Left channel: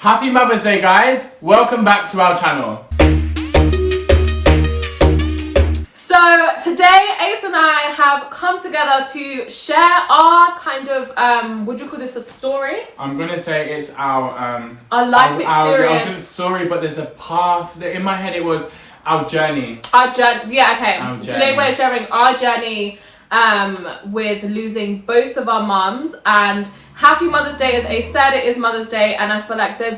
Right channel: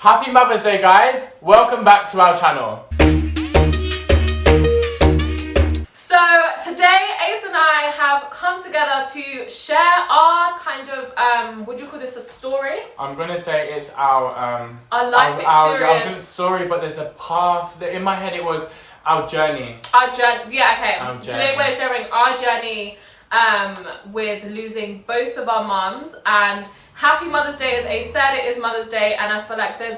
Happy Mother's Day, guys! Welcome back to our channel. So today, Ayce and I have come together to share our kind of, would you call this a story? I'm gonna say it's our life experience. I was sorry, but there's a path. In my head, it was our journey. Our journey, yeah, okay. Our journey. Today we're sharing our journey with losing both of our mums, and happy Mother's Day. As Ayce said, it is Mother's Day, and I feel like there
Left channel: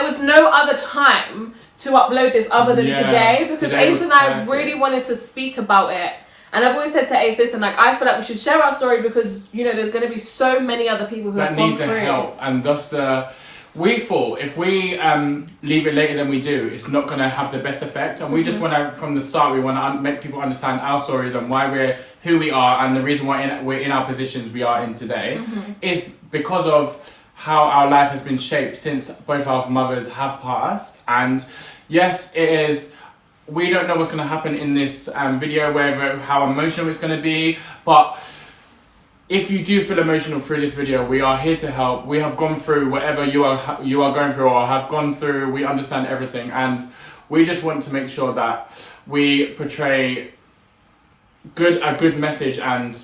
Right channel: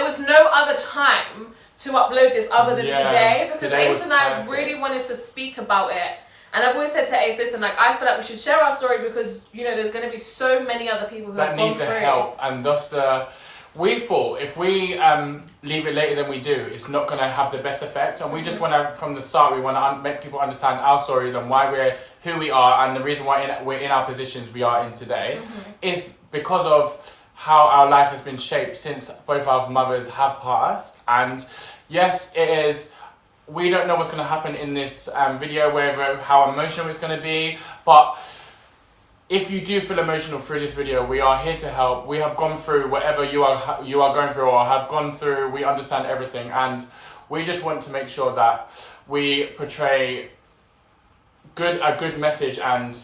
was no other time to upload this other than today, because Ayce and I really wanted to speak about it. And I've always said to Ayce, listen, like, I feel like we should share our story because, you know, there's going to be so many other people who have gone through. That need the help. And thus we thought if we leave it later than we do, it's not going to have the best effect. And we just want to, from the start, we want to make people understand our stories and why we're who we are, and the reason why we're in our positions we are in today is because of how our life has been shaped since both our mothers have passed. And yes, it is. We don't know what's going to happen in this video, how emotional it's going to be, but if you do feel emotional through this video, we are here to help. We have gone through whatever you are going through or have gone through. We understand everything, and we just want to make sure that we portray a good message and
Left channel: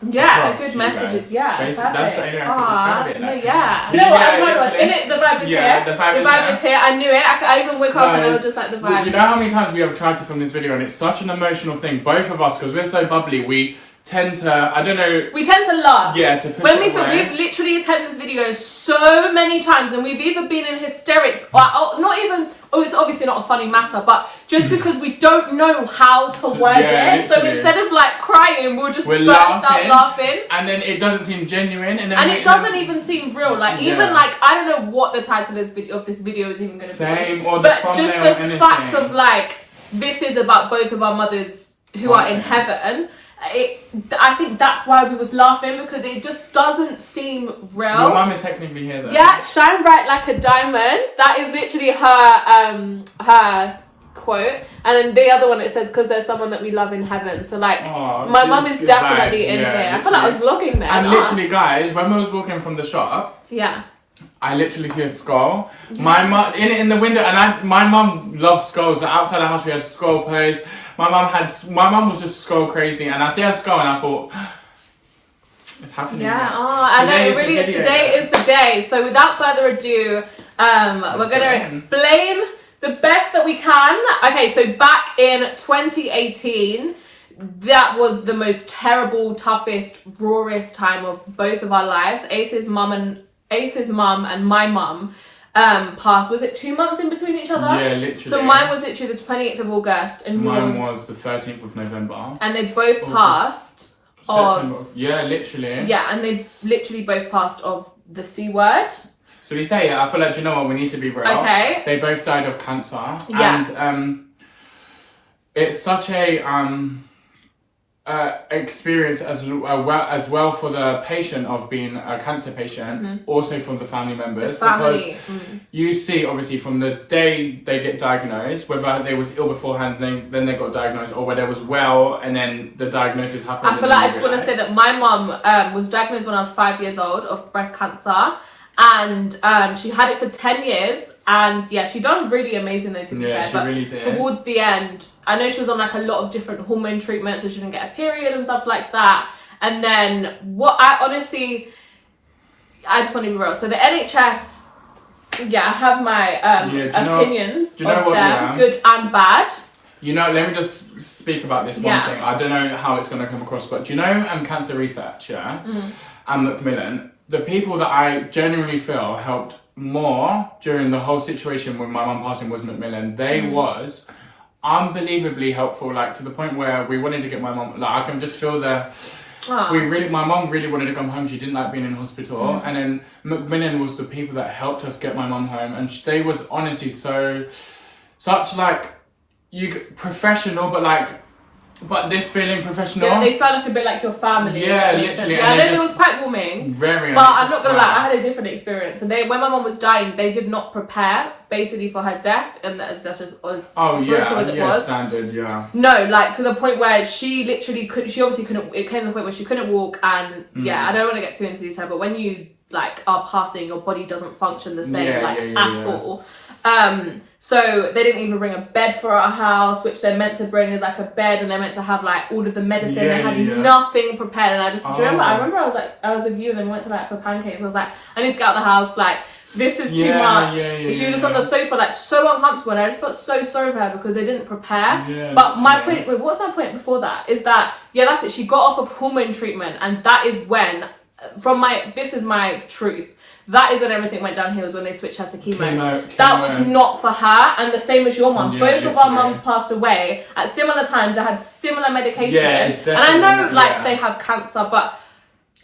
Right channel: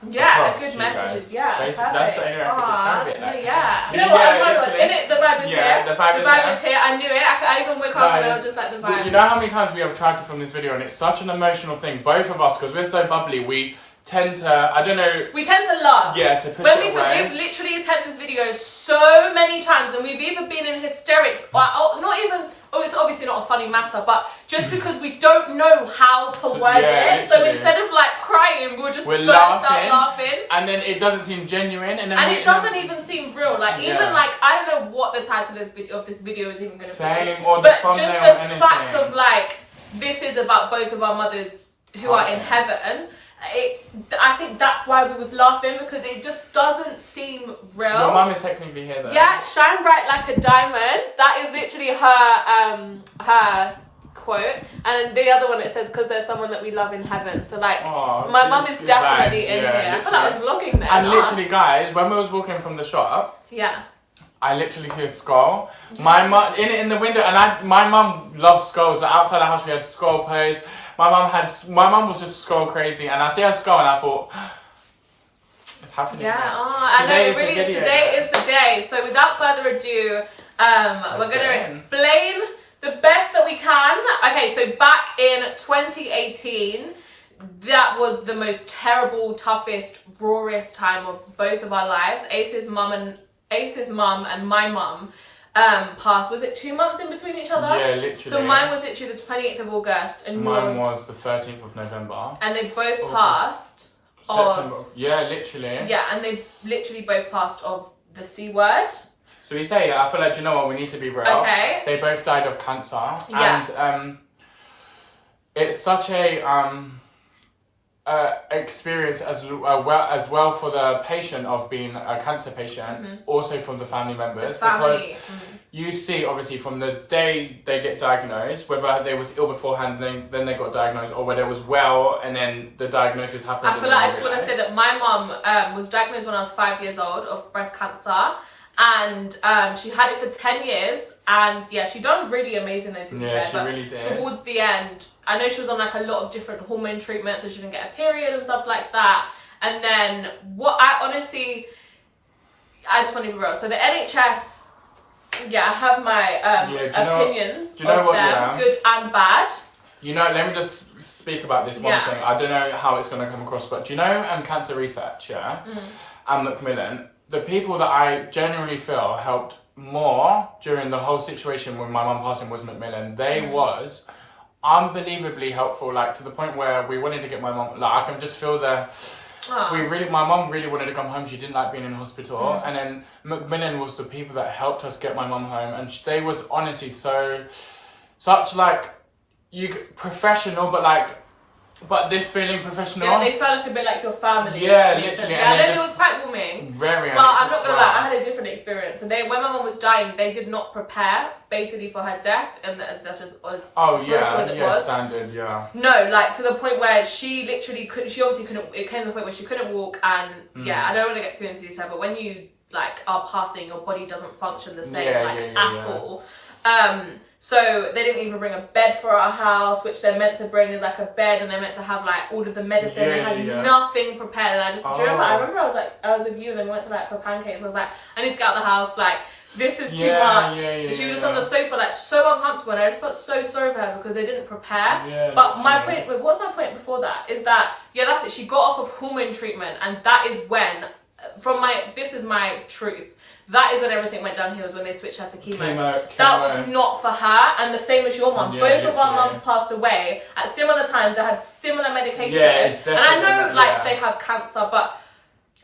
a good message is perfect. That's the only way I can describe it. No, yeah. You know what? I'm proud of it. In it, the vibe is here. The vibe is here. I knew it. I even woke up and I was just like, the vibe. Do you know how many times we have tried to film this video, and it's such an emotional thing, both of us, because we're so bubbly, we tend to, I don't know. We tend to laugh. Yeah, to push when it away. We've literally attended this video so many times, and we've either been in hysterics or not even, it's obviously not a funny matter, but just because we don't know how to word it. So instead of like crying, we'll just burst out laughing. And then it doesn't seem genuine. And it doesn't even seem real. Like, even like, I don't know what the title of this video is even going to be. Or the but just the fact of like, this is about both of our mothers who are in heaven. I think that's why we was laughing, because it just doesn't seem real. Your mum is technically here though. Yeah, shine bright like a diamond. That is literally her quote. And then the other one, it says, because there's someone that we love in heaven. So like, my mum is definitely in here. Literally. I feel like I was vlogging there. And literally, guys, when we was walking from the shop, I literally see a skull. Yeah. My mum in the window, and my mum loves skulls. So outside the house we had skull posts. My mum was just skull crazy, and I see her skull, and I thought, it's happening. Yeah, I know, it really is. Today is the day. So without further ado, we're gonna explain the best that we can. Okay, so back in 2018, that was the most terrible, toughest, rawest time of both of our lives. Ayce's mum and my mum passed. Was it 2 months in between each other? Yeah, literally. So mine was literally the 28th of August, and mine was the 13th of November. And they both passed yeah, literally. Yeah, and they literally both passed of the C word. So we say it. I feel like, do you know what? We need to be real. Okay. They both died of cancer. Yeah. And it's such a experience as well for the patient of being a cancer patient, also from the family members, because you see obviously from the day they get diagnosed, whether they was ill beforehand, then they got diagnosed, or whether they was well and then the diagnosis happened. I feel like I just want to say that my mum was diagnosed when I was 5 years old of breast cancer. And she had it for 10 years, and yeah, she done really amazing though, to be fair. But really did. Towards the end, I know she was on like a lot of different hormone treatments, so she didn't get a period and stuff like that. And then I just want to be real. So the NHS, I have my opinions of them, good and bad. You know, let me just speak about this one thing. I don't know how it's going to come across, but do you know cancer research, and Macmillan, the people that I genuinely feel helped more during the whole situation with my mum passing was Macmillan. They was unbelievably helpful, like to the point where we wanted to get my mum, like I can just feel my mum really wanted to come home. She didn't like being in hospital. And then Macmillan was the people that helped us get my mum home. And they was honestly such like, professional, but this feeling professional. Yeah, they felt like a bit like your family. Yeah, literally. Yeah, I know it was quite warming. Very. But I'm not gonna lie, I had a different experience. So when my mum was dying, they did not prepare basically for her death, and that's just as brutal as it was. Standard, yeah. No, like to the point where she literally couldn't. She obviously couldn't. It came to the point where she couldn't walk, and I don't want to get too into detail, but when you like are passing, your body doesn't function the same at yeah. all. So they didn't even bring a bed for our house, which they're meant to bring is like a bed, and they're meant to have like all of the medicine. They had nothing prepared, and I remember I was with you, and then we went to like for pancakes, and I was like, I need to get out of the house, like this is too much. And she was just on the sofa, like so uncomfortable, and I just felt so sorry for her because they didn't prepare. But my point, what's my point before that is that that's it. She got off of hormone treatment, and that is when, this is my truth. That is when everything went downhill, was when they switched her to chemo. That was not for her, and the same as your mum. Both of our mums passed away at similar times. I had similar medication, and I know they have cancer, but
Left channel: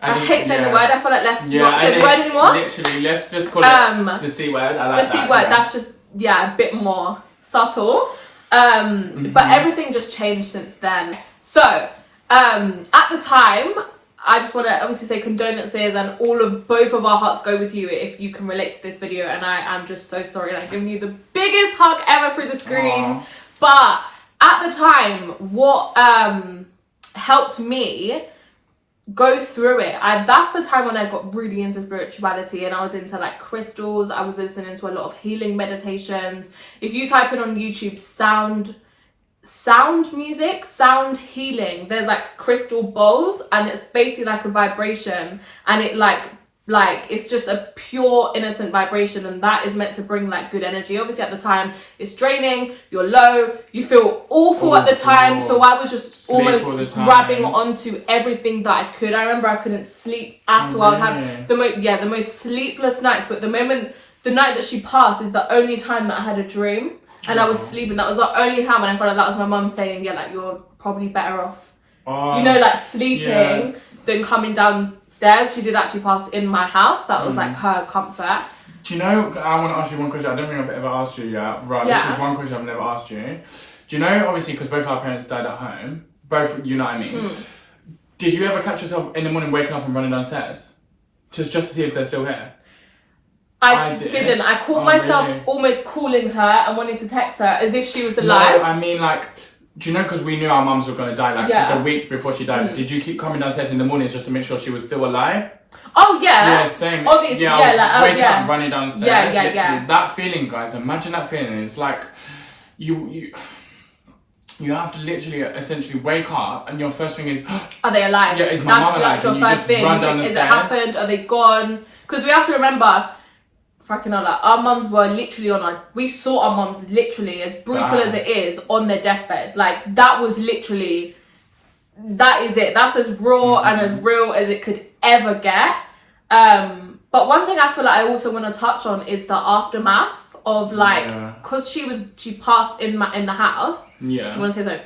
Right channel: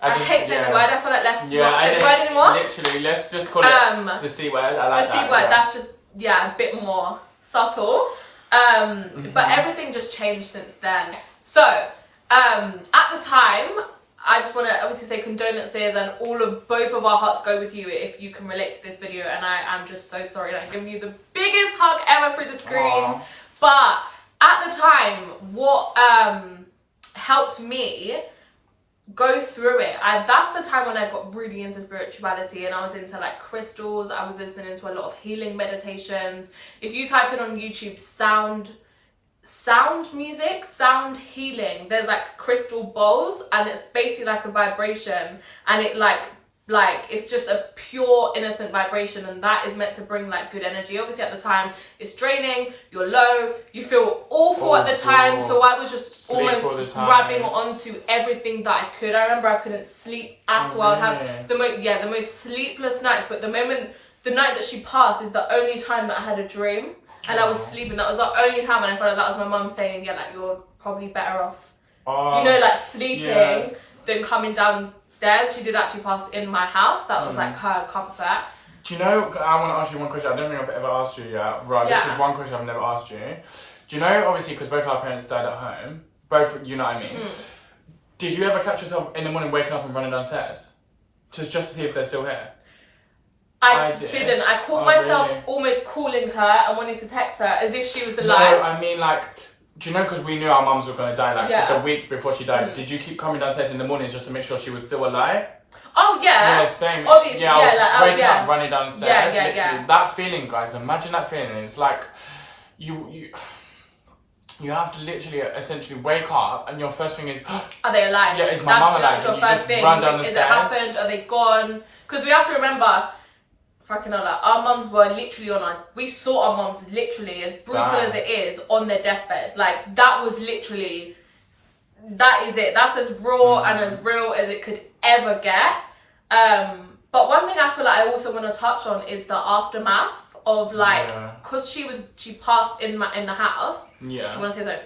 I hate saying the word. I feel like let's not say the word anymore. Literally, let's just call it the C word. I like the C word. That's just a bit more subtle. But everything just changed since then. So at the time, I just want to obviously say condolences, and both of our hearts go with you if you can relate to this video, and I am just so sorry, and I'm giving you the biggest hug ever through the screen. Aww. But at the time, what helped me go through it, that's the time when I got really into spirituality, and I was into like crystals. I was listening to a lot of healing meditations. If you type in on YouTube sound music, sound healing, there's like crystal bowls, and it's basically like a vibration, and it like it's just a pure innocent vibration, and that is meant to bring like good energy. Obviously at the time it's draining, you're low, you feel awful at the time, so I was just almost grabbing onto everything that I could. I remember I couldn't sleep at all. I would have the most sleepless nights, but the night that she passed is the only time that I had a dream. And I was sleeping. That was the only time, and I felt like that was my mum saying, like, you're probably better off, like sleeping than coming downstairs. She did actually pass in my house. That was like her comfort. Do you know, I want to ask you one question. I don't think I've ever asked you yet. Right, this is one question I've never asked you. Do you know, obviously, because both our parents died at home, both, you know what I mean? Did you ever catch yourself in the morning waking up and running downstairs? Just to see if they're still here? I didn't. I caught myself almost calling her and wanting to text her as if she was alive. No, I mean, like, do you know, because we knew our mums were going to die, like, the week before she died, did you keep coming downstairs in the mornings just to make sure she was still alive? Oh, yeah. Yeah, same. Obviously, I was waking up, running downstairs. Yeah. That feeling, guys, imagine that feeling. It's like, you have to literally, essentially wake up, and your first thing is, are they alive? Yeah, is my mum alive? That's your first thing. Is it happened? Are they gone? Because we have to remember, fucking hell, like, our mums were literally we saw our mums literally, as brutal as it is, on their deathbed. Like, that was literally, that is it. That's as raw and as real as it could ever get. But one thing I feel like I also want to touch on is the aftermath of, like, because she passed in the house. Yeah. Do you want to say something?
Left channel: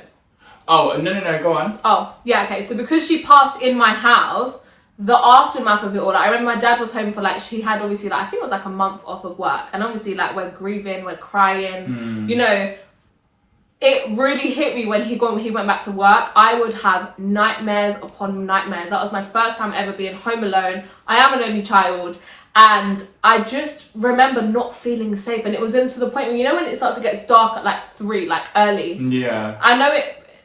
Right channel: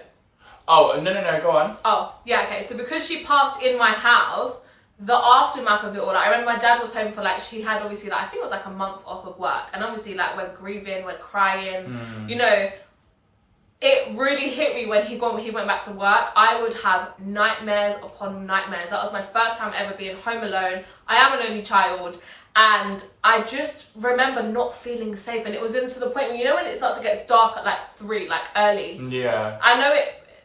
Oh, no, go on. Oh, yeah, okay. So because she passed in my house, the aftermath of it all, like, I remember my dad was home for, like, she had obviously, like, I think it was like a month off of work, and obviously, like, we're grieving, we're crying, you know. It really hit me when he went back to work. I would have nightmares upon nightmares. That was my first time ever being home alone. I am an only child, and I just remember not feeling safe, and it was into the point when, you know, when it starts to get dark at like 3, like early. Yeah. I know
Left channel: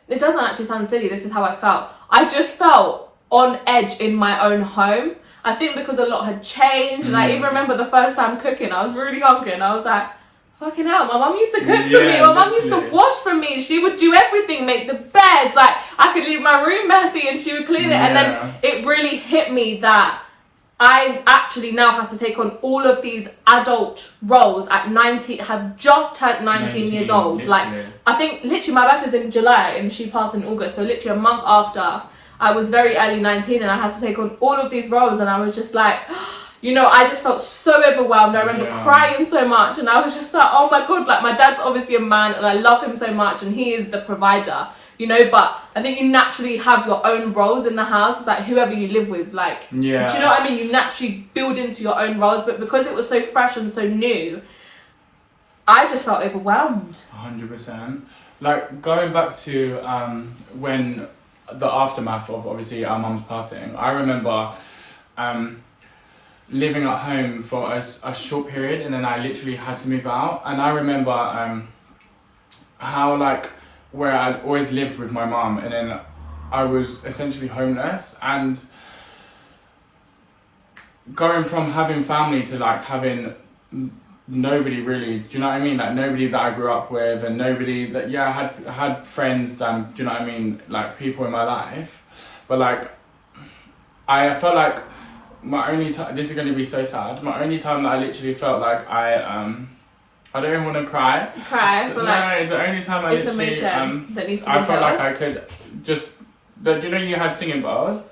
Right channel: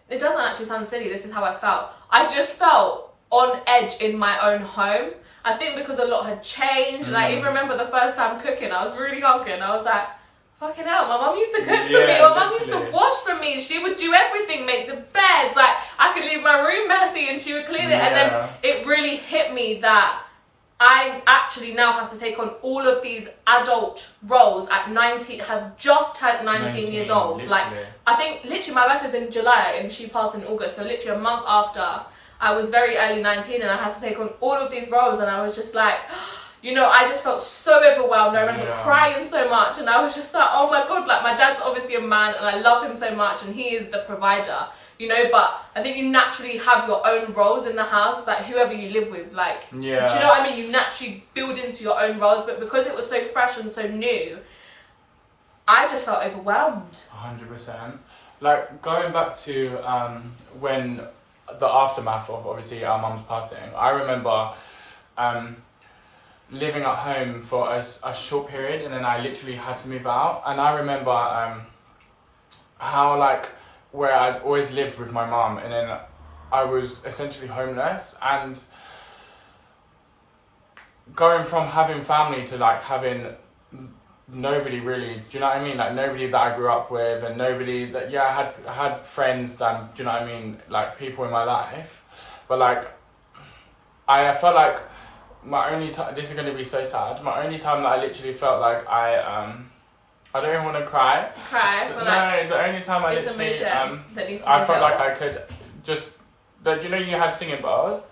it doesn't actually sound silly. This is how I felt. I just felt on edge in my own home. I think because a lot had changed, and I even remember the first time cooking, I was really hungry, and I was like, fucking hell, my mum used to cook for me, my mum used to wash for me, she would do everything, make the beds, like, I could leave my room messy and she would clean it, and then it really hit me that I actually now have to take on all of these adult roles at 19, have just turned 19 years old, literally. Like, I think literally my birthday's in July and she passed in August, so literally a month after, I was very early 19 and I had to take on all of these roles, and I was just like, you know, I just felt so overwhelmed. I remember crying so much, and I was just like, oh my God, like, my dad's obviously a man and I love him so much and he is the provider, you know, but I think you naturally have your own roles in the house. It's like whoever you live with, like, do you know what I mean? You naturally build into your own roles, but because it was so fresh and so new, I just felt overwhelmed. 100%. Like, going back to when the aftermath of obviously our mum's passing, I remember living at home for a short period, and then I literally had to move out. And I remember how, like, where I'd always lived with my mum, and then I was essentially homeless, and going from having family to like having nobody really, do you know what I mean? Like nobody that I grew up with, and nobody that, yeah, I had friends and, do you know what I mean? Like people in my life, but like I felt like my only time, this is going to be so sad, my only time that I literally felt like I don't even want to cry. Cry for like, no, the only time I it's literally emotion that needs to be I felt held. like I could just, do you know you had singing bars?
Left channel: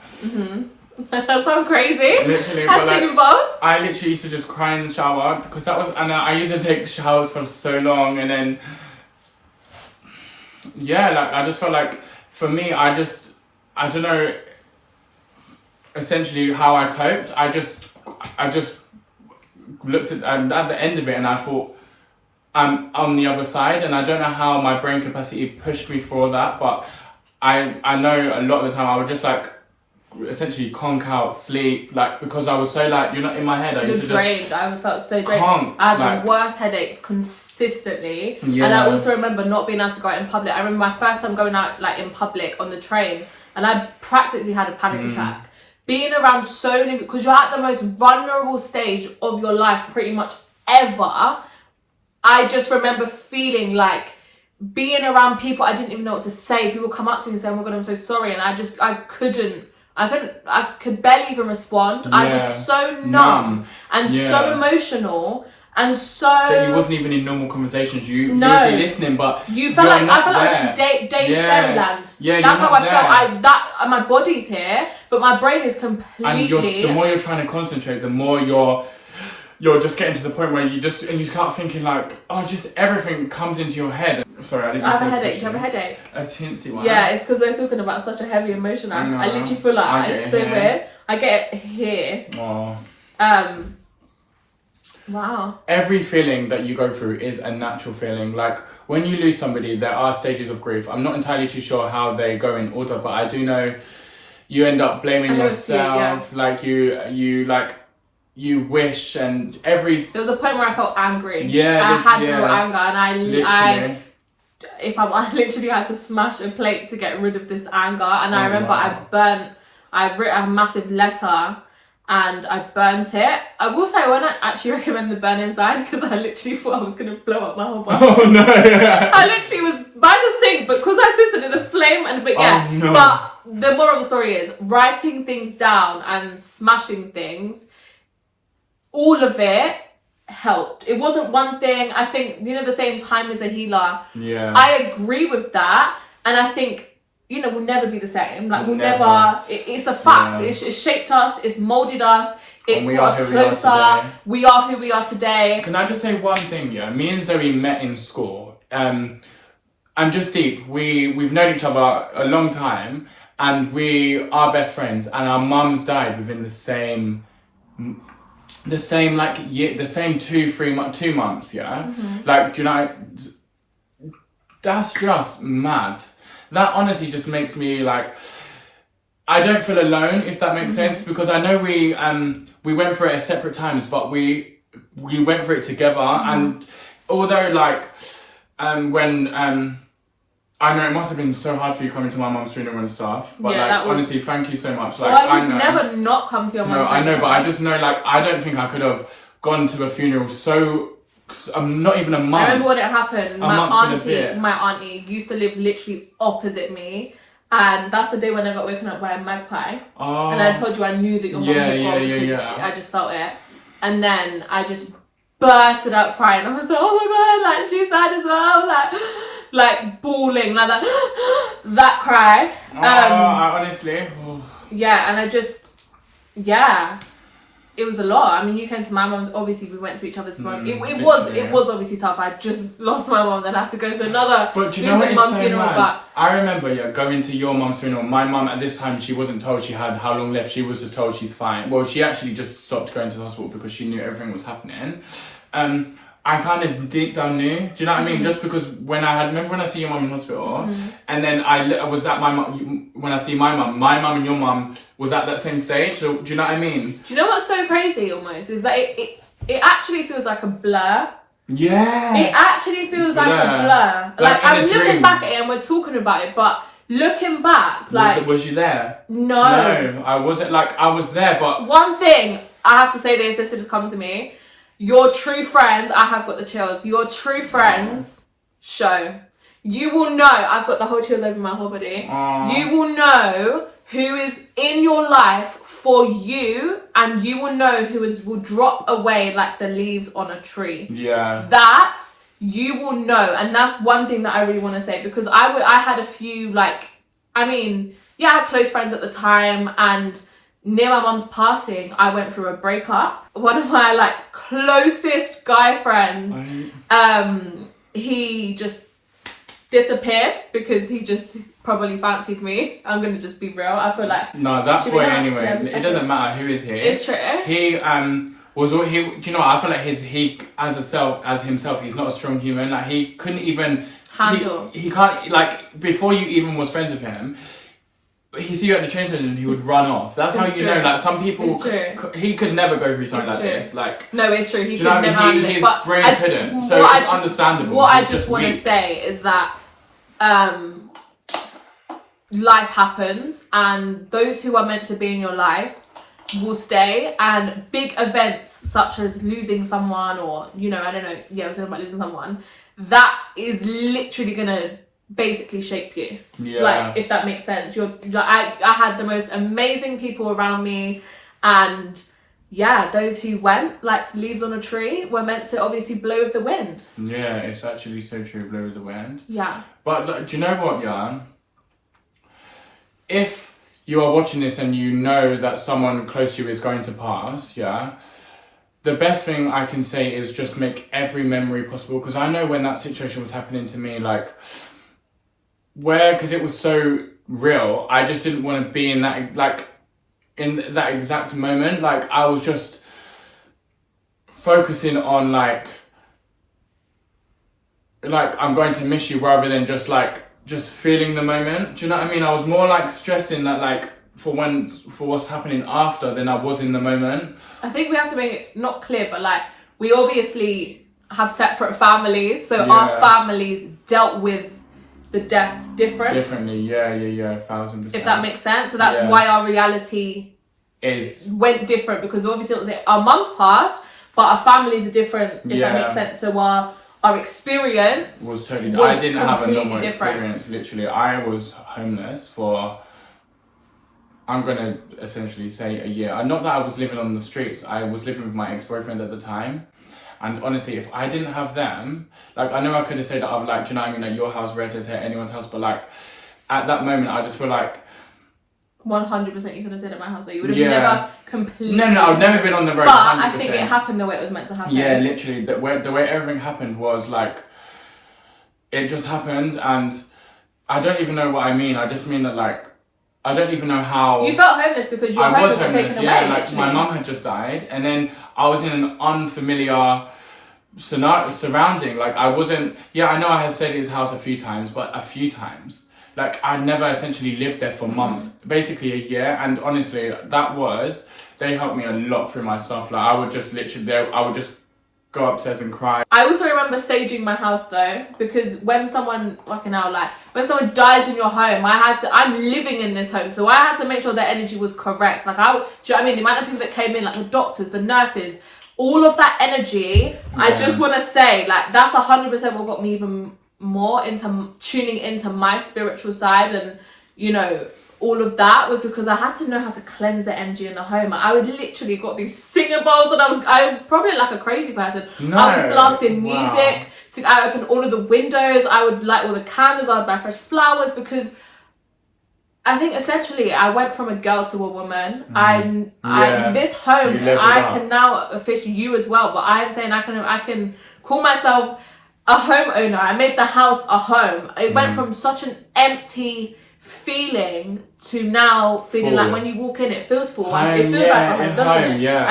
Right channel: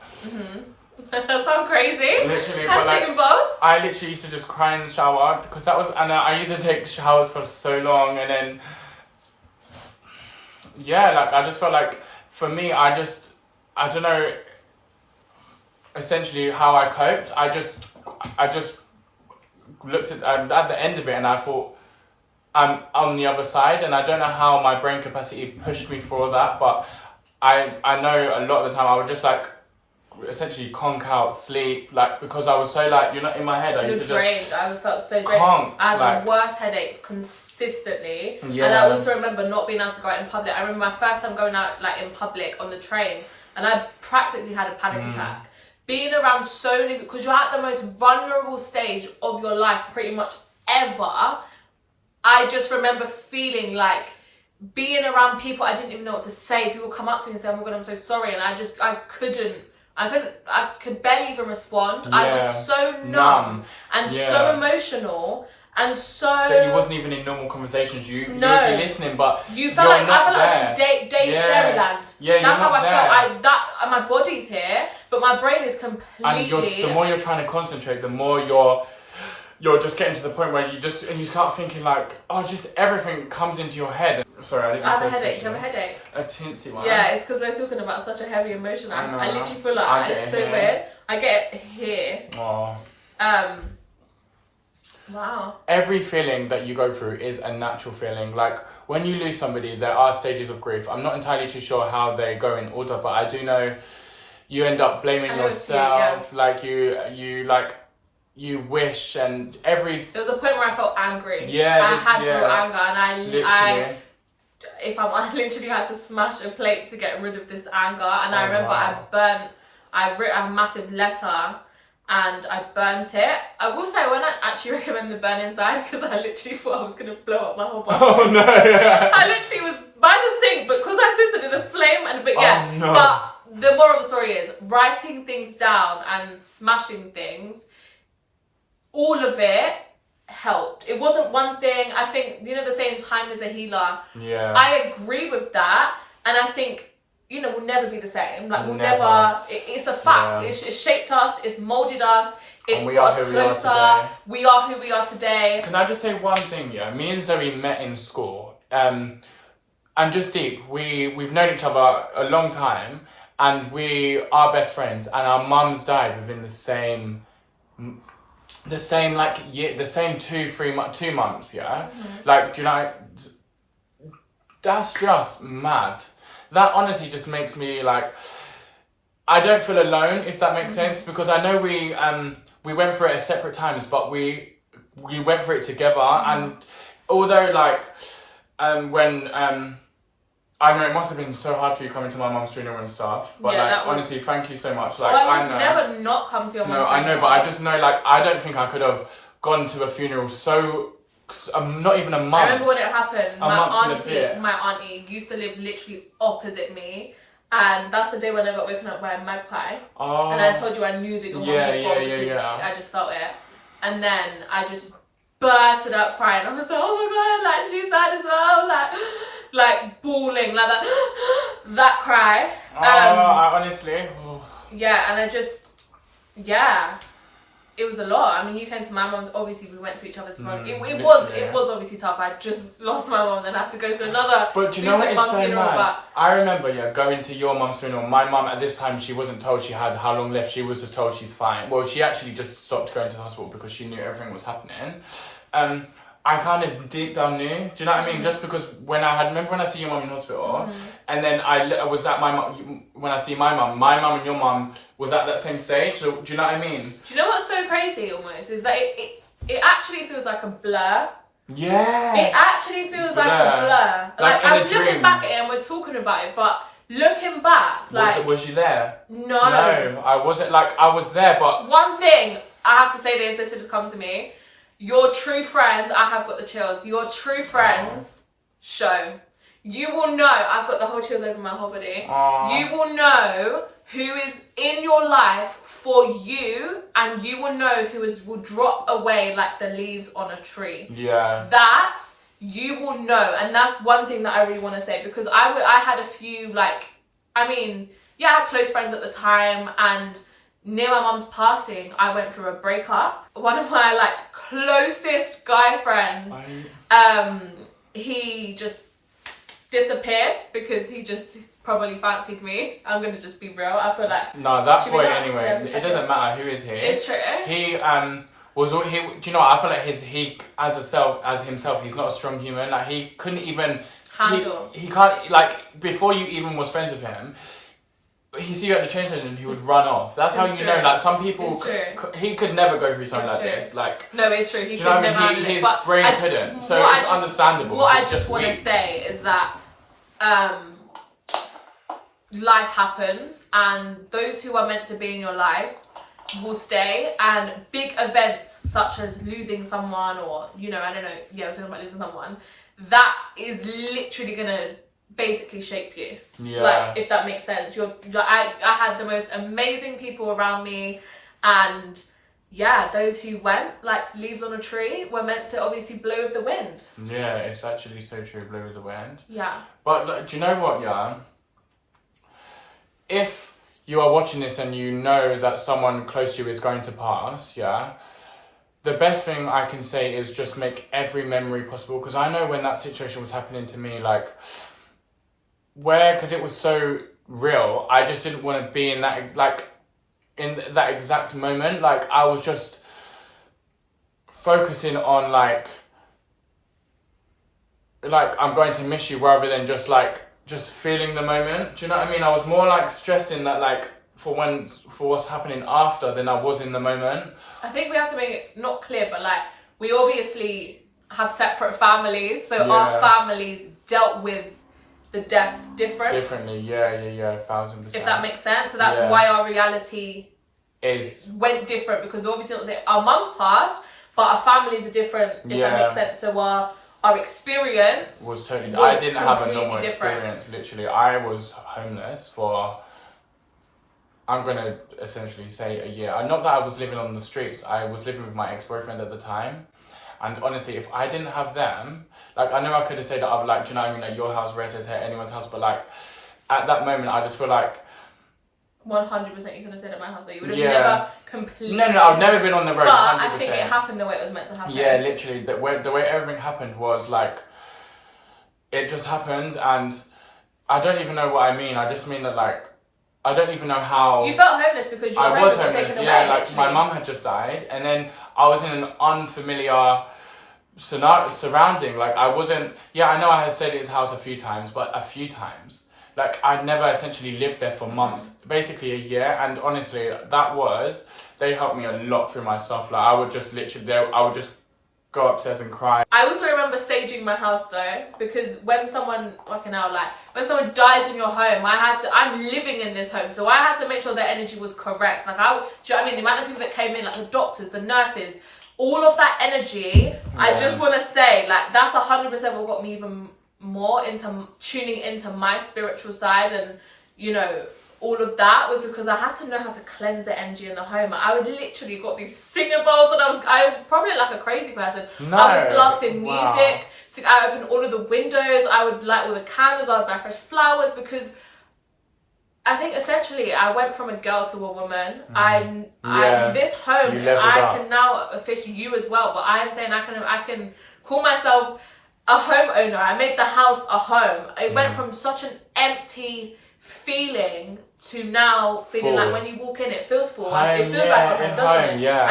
That sounds crazy. Literally, Had but like, singing bars. I literally used to just cry in the shower because that was, and I used to take showers for so long, and then yeah, like I just felt like for me, I don't know, essentially how I coped. I just looked at the end of it, and I thought I'm on the other side, and I don't know how my brain capacity pushed me for that, but I know a lot of the time I would just like essentially conk out, sleep, like because I was so like, you're not in my head. I used to drained. I felt so drained. I had the worst headaches consistently, and I also remember not being able to go out in public. I remember my first time going out like in public on the train, and I practically had a panic attack. Being around so many, because you're at the most vulnerable stage of your life pretty much ever. I just remember feeling like being around people, I didn't even know what to say. People come up to me and say, oh my God, I'm so sorry. And I could barely even respond. Yeah. I was so numb and so emotional and so... That you wasn't even in normal conversations. You'd be listening, but I felt like I was in fairyland. Yeah, that's how I felt. My body's here, but my brain is completely... And the more you're trying to concentrate, the more you're just getting to the point where you just start thinking like, oh, just everything comes into your head. Sorry, I didn't. I have a headache. Do you have a headache? A teensy one. Yeah, it's because we're talking about such a heavy emotion. I literally feel like it's so weird. I get it here. Oh. Wow. Every feeling that you go through is a natural feeling. Like when you lose somebody, there are stages of grief. I'm not entirely too sure how they go in order, but I do know you end up blaming yourself. Like you wish, and there was a point where I felt angry. Yeah, I had real anger, and I literally had to smash a plate to get rid of this anger. And I remember I wrote a massive letter and I burnt it. I will say I wouldn't actually recommend the burning side because I literally thought I was going to blow up my whole body. Oh no! I literally was by the sink, but because I twisted in a flame But the moral of the story is writing things down and smashing things. All of it helped. It wasn't one thing. I think, the saying, time is a healer. Yeah. I agree with that. And I think, we'll never be the same. Like, we'll never. It's a fact. Yeah. It's shaped us. It's molded us. It's brought us closer. We are who we are today. Can I just say one thing, yeah? Me and Zoe met in school. And just deep. We've known each other a long time. And we are best friends. And our mums died within the same like year, the same 2 months, yeah? Mm-hmm. Like, do you know, that's just mad. That honestly just makes me like, I don't feel alone, if that makes sense, because I know we went through it at separate times, but we went through it together, and although like, when, I know it must have been so hard for you coming to my mum's funeral and stuff, but honestly, thank you so much. Like, I would never not come to your mum's funeral. No, I know, but I just know, like, I don't think I could have gone to a funeral not even a month. I remember when it happened. My auntie used to live literally opposite me, and that's the day when I got woken up by a magpie. Oh. And I told you I knew that your mum had gone because I just felt it. And then I just bursted out crying. I was like, oh my God, like she's sad as well, like bawling, like that cry. Honestly. Yeah, and it was a lot. I mean, you came to my mum's, obviously we went to each other's funeral. It was obviously tough. I just lost my mum, then I had to go to another mum's funeral. But I remember going to your mum's funeral. My mum at this time, she wasn't told she had how long left. She was just told she's fine. Well, she actually just stopped going to the hospital because she knew everything was happening. I kind of deep down knew. Do you know what I mean? Just because when I see your mum in hospital, and then I was at my mum, when I see my mum and your mum was at that same stage. So do you know what I mean? Do you know what's so crazy almost is that it actually feels like a blur. Yeah. It actually feels like a blur. Like I'm looking back at it and we're talking about it, but looking back, like was you there? No, I wasn't. Like I was there, but one thing I have to say this just come to me. Your true friends, I have got the chills. Your true friends show. You will know, I've got the whole chills over my whole body. You will know who is in your life for you, and you will know will drop away like the leaves on a tree. Yeah. That you will know, and that's one thing that I really want to say, because I had a few, like, I mean, yeah, I had close friends at the time, and near my mum's passing, I went through a breakup. One of my, like, closest guy friends, he just disappeared because he just probably fancied me. I'm gonna just be real. I feel like no, that boy anyway. Yeah, it doesn't matter who is here. It's true. He was all he. Do you know what? I feel like he as himself, he's not a strong human. Like he couldn't even handle. He can't, like, before you even was friends with him. He see you at the train station and he would run off. That's how you know. Like some people, he could never go through something like this. Like no, it's true. He could never handle it. But brain couldn't. So it's understandable. What I just want to say is that life happens, and those who are meant to be in your life will stay, and big events such as losing someone, or I don't know, we're talking about losing someone, that is literally gonna basically shape you. Like, if that makes sense. I had the most amazing people around me, and those who went like leaves on a tree were meant to obviously blow with the wind. Yeah, it's actually so true, blow with the wind. Yeah. But like, do you know what, if you are watching this and you know that someone close to you is going to pass, the best thing I can say is just make every memory possible. Because I know when that situation was happening to me, like, because it was so real, I just didn't want to be in that, like, in that exact moment. Like, I was just focusing on, like I'm going to miss you, rather than just feeling the moment. Do you know what I mean? I was more like stressing that, like, for what's happening after than I was in the moment. I think we have to make it not clear, but like, we obviously have separate families, so our families dealt with the death differently. 1,000%. If that makes sense. So that's why our reality went different, because obviously our mum's passed, but our families are different, if that makes sense. So our experience was totally different. I didn't have a normal different experience. Literally, I was homeless for, I'm gonna essentially say, a year. Not that I was living on the streets. I was living with my ex-boyfriend at the time. And honestly, if I didn't have them, like, I know I could have said that I've, like, do you know what I mean, like, your house, Reddit, anyone's house, but, like, at that moment, I just feel like 100% you could have said at my house, that you would have never completely. No, I've never been on the road. But 100%. I think it happened the way it was meant to happen. Yeah, literally, the way everything happened was like, it just happened, and I don't even know what I mean. I just mean that, like, I don't even know how. You felt homeless because your home was taken away. Yeah, like, my mum had just died, and then I was in an unfamiliar surrounding. Like, I wasn't. Yeah, I know I had stayed at his house a few times, but a few times. Like, I'd never essentially lived there for months, basically a year, and honestly, they helped me a lot through my stuff. Like, I would just go upstairs and cry. I also remember staging my house though, because when someone when someone dies in your home, I'm living in this home, so I had to make sure their energy was correct. Like, do you know what I mean? The amount of people that came in, like the doctors, the nurses, all of that energy, I just want to say, like, that's 100% what got me even more into tuning into my spiritual side, and all of that was because I had to know how to cleanse the energy in the home. I would literally got these singer bowls, and I probably like a crazy person. I was blasting music. So I opened all of the windows. I would light all the candles. I would buy fresh flowers, because I think essentially I went from a girl to a woman. This home, I can now officially, you as well, but I am saying I can call myself a homeowner. I made the house a home. It went from such an empty feeling to now feeling like when you walk in, it feels full. It feels like a home, doesn't it? Yeah.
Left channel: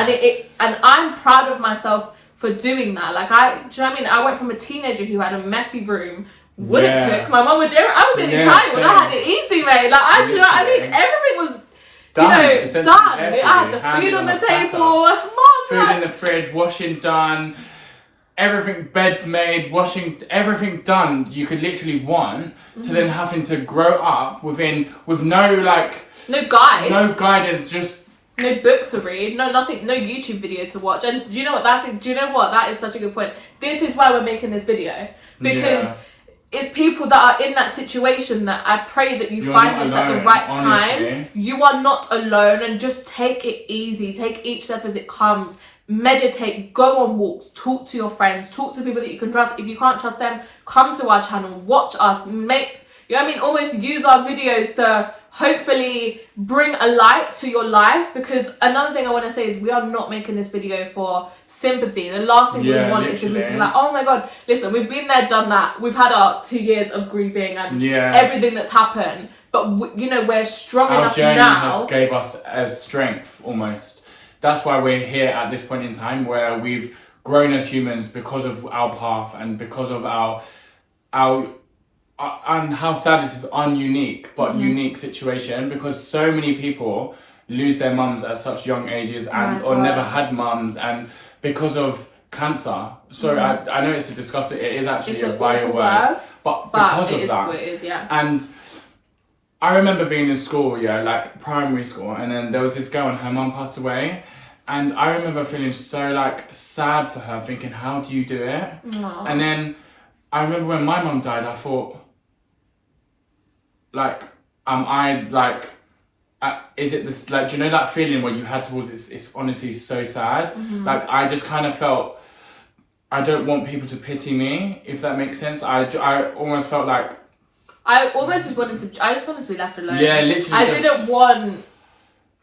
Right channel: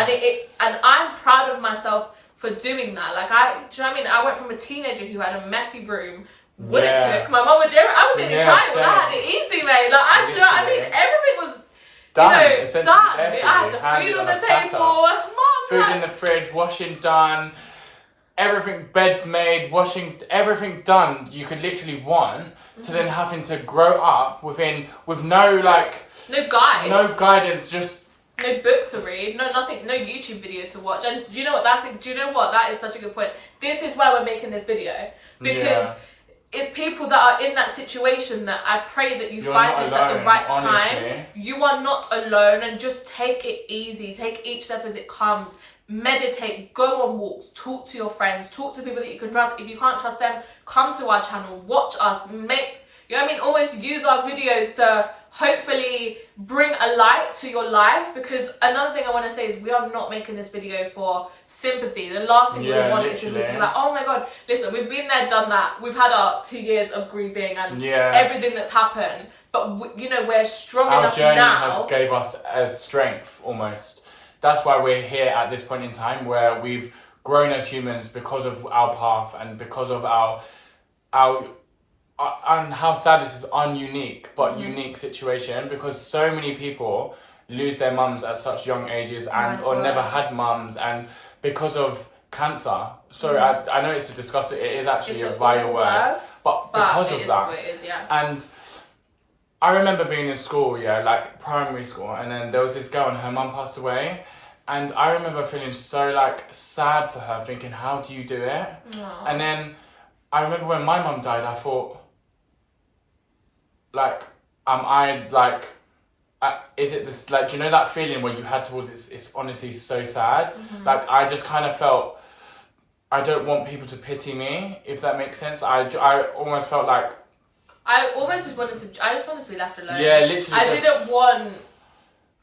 And I'm proud of myself for doing that. Like, do you know what I mean? I went from a teenager who had a messy room, wouldn't cook. My mum would. I was in China when I had it easy, mate. Like, do you know what I mean? Everything was done. I had the food on the table. Food in the fridge, washing done. Everything, beds made, washing, everything done you could literally want, to then having to grow up with no guidance, just no book to read, no nothing, no YouTube video to watch. And do you know what? That is such a good point. This is why we're making this video, because it's people that are in that situation that I pray that you're find this alone, at the right time. You are not alone, and just take it easy. Take each step as it comes. Meditate, go on walks, talk to your friends, talk to people that you can trust. If you can't trust them, come to our channel, watch us, almost use our videos to hopefully bring a light to your life. Because another thing I want to say is we are not making this video for sympathy. The last thing we want is to be like, oh my god, listen, we've been there, done that, we've had our 2 years of grieving and everything that's happened, but we're strong enough now. Our journey has gave us as strength almost. That's why we're here at this point in time, where we've grown as humans because of our path and because of our and how sad this is, ununique but unique situation, because so many people lose their mums at such young ages or never had mums, and because of cancer. So I know it's a disgusting, it is actually a vile word, but because of that, it is, and I remember being in school, like primary school, and then there was this girl and her mum passed away, and I remember feeling so like sad for her, thinking, how do you do it? Aww. And then I remember when my mum died, I thought, like, is it this, like, do you know that feeling where you had towards it? It's honestly so sad. Like, I just kind of felt, I don't want people to pity me, if that makes sense. I almost felt like, I just wanted to be left alone. Yeah, literally.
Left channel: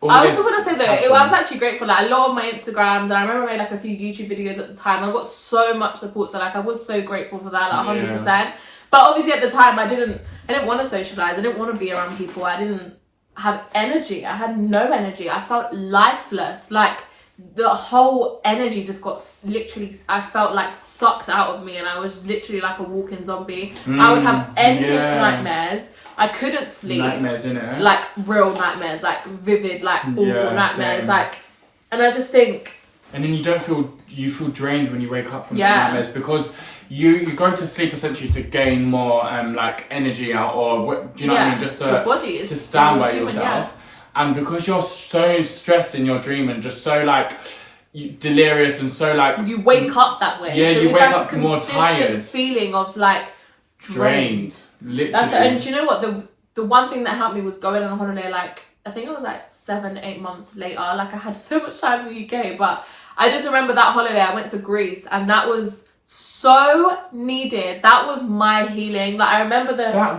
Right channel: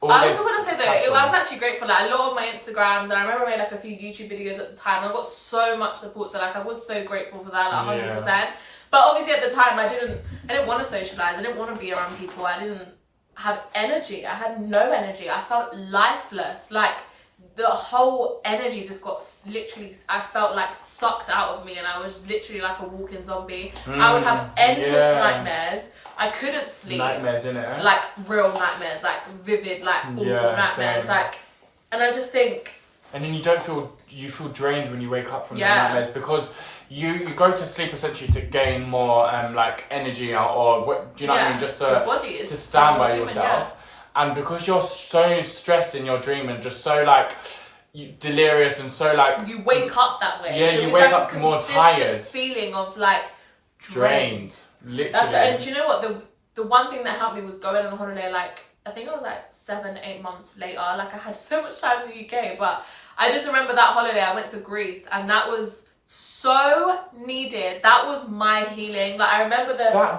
I also want to say though, I was actually grateful. Like, a lot of my Instagrams, and I remember I made like a few YouTube videos at the time. I got so much support, so like I was so grateful for that, like 100%. But obviously at the time, I didn't want to socialize. I didn't want to be around people. I didn't have energy. I had no energy. I felt lifeless. Like, the whole energy just got literally, I felt like sucked out of me, and I was literally like a walking zombie. I would have endless nightmares. I couldn't sleep. Nightmares, innit? Like real nightmares, like vivid, like awful nightmares. Same. Like, and I just think. And then you feel drained when you wake up from the nightmares, because you go to sleep essentially to gain more like energy out, or do you know what I mean? Just to stand by yourself. And because you're so stressed in your dream and just so like delirious and so like, you wake up that way. Yeah, so you it's wake like up a more tired. Feeling of like drained. Literally. And do you know what? The one thing that helped me was going on a holiday. Like, I think it was like 7-8 months later. Like, I had so much time in the UK, but I just remember that holiday. I went to Greece, and that was so needed. That was my healing. Like, I remember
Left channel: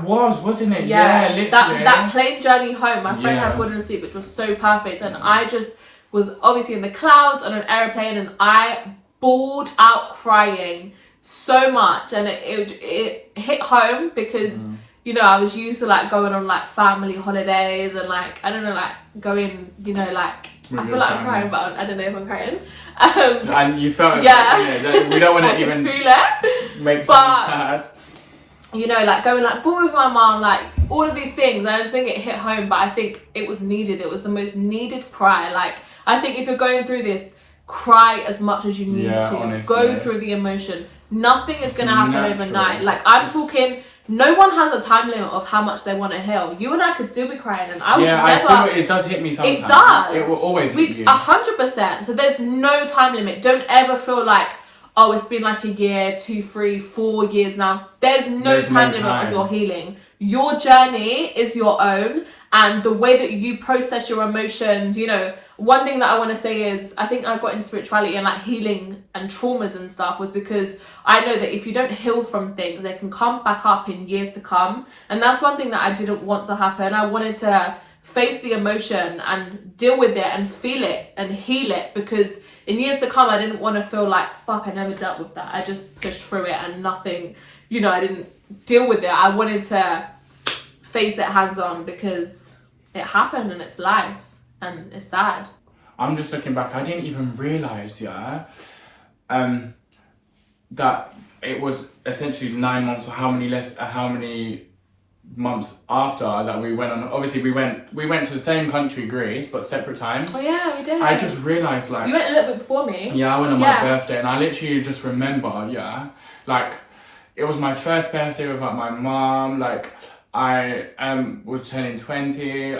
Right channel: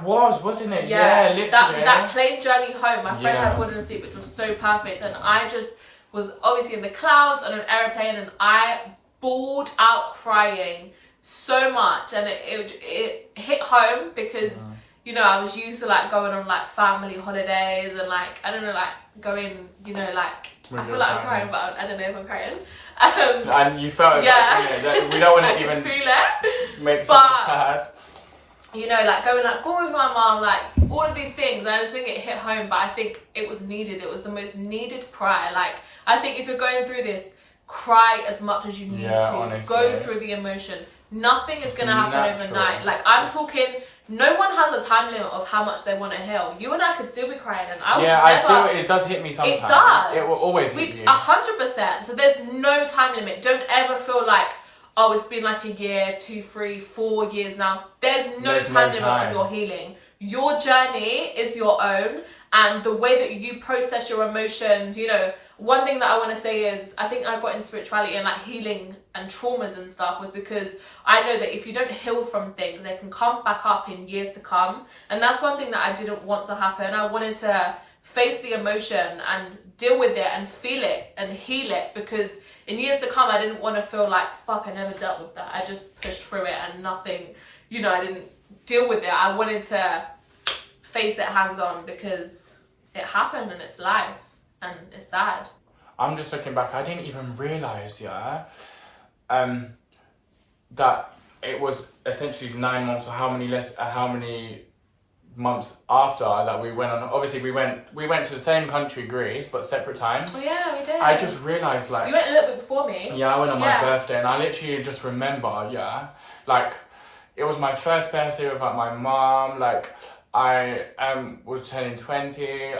wasn't it? Yeah, literally. That plane journey home, my friend had fallen asleep, which was so perfect, and I just was obviously in the clouds on an aeroplane, and I bawled out crying so much, and it hit home because I was used to like going on like family holidays and like, I don't know, like going, like, I feel like I'm crying, but I don't know if I'm crying. And you felt like, we don't want to even feel it, make someone sad. Like going like born with my mom, like all of these things. And I just think it hit home, but I think it was needed. It was the most needed cry. Like, I think if you're going through this, cry as much as you need to. Honestly. Go through the emotion. Nothing is going to happen overnight. Like, I'm talking, no one has a time limit of how much they want to heal. You and I could still be crying, and I would never. I see, it does hit me sometimes. It does. It will always hit you. 100%. So there's no time limit. Don't ever feel like, oh, it's been like a year, 2, 3, 4 years now. There's no time limit on your healing. Your journey is your own, and the way that you process your emotions, one thing that I want to say is, I think I got into spirituality and like healing and traumas and stuff was because I know that if you don't heal from things, they can come back up in years to come. And that's one thing that I didn't want to happen. I wanted to face the emotion and deal with it and feel it and heal it, because in years to come, I didn't want to feel like, fuck, I never dealt with that. I just pushed through it and nothing, I didn't deal with it. I wanted to face it hands on because it happened and it's life. And it's sad. I'm just looking back. I didn't even realise, that it was essentially 9 months, or how many months after that we went on. Obviously, we went to the same country, Greece, but separate times. Oh yeah, we did. I just realised, like, you went a little bit before me. Yeah, I went on my birthday, and I literally just remember, like, it was my first birthday without my mum. Like, I was turning 20.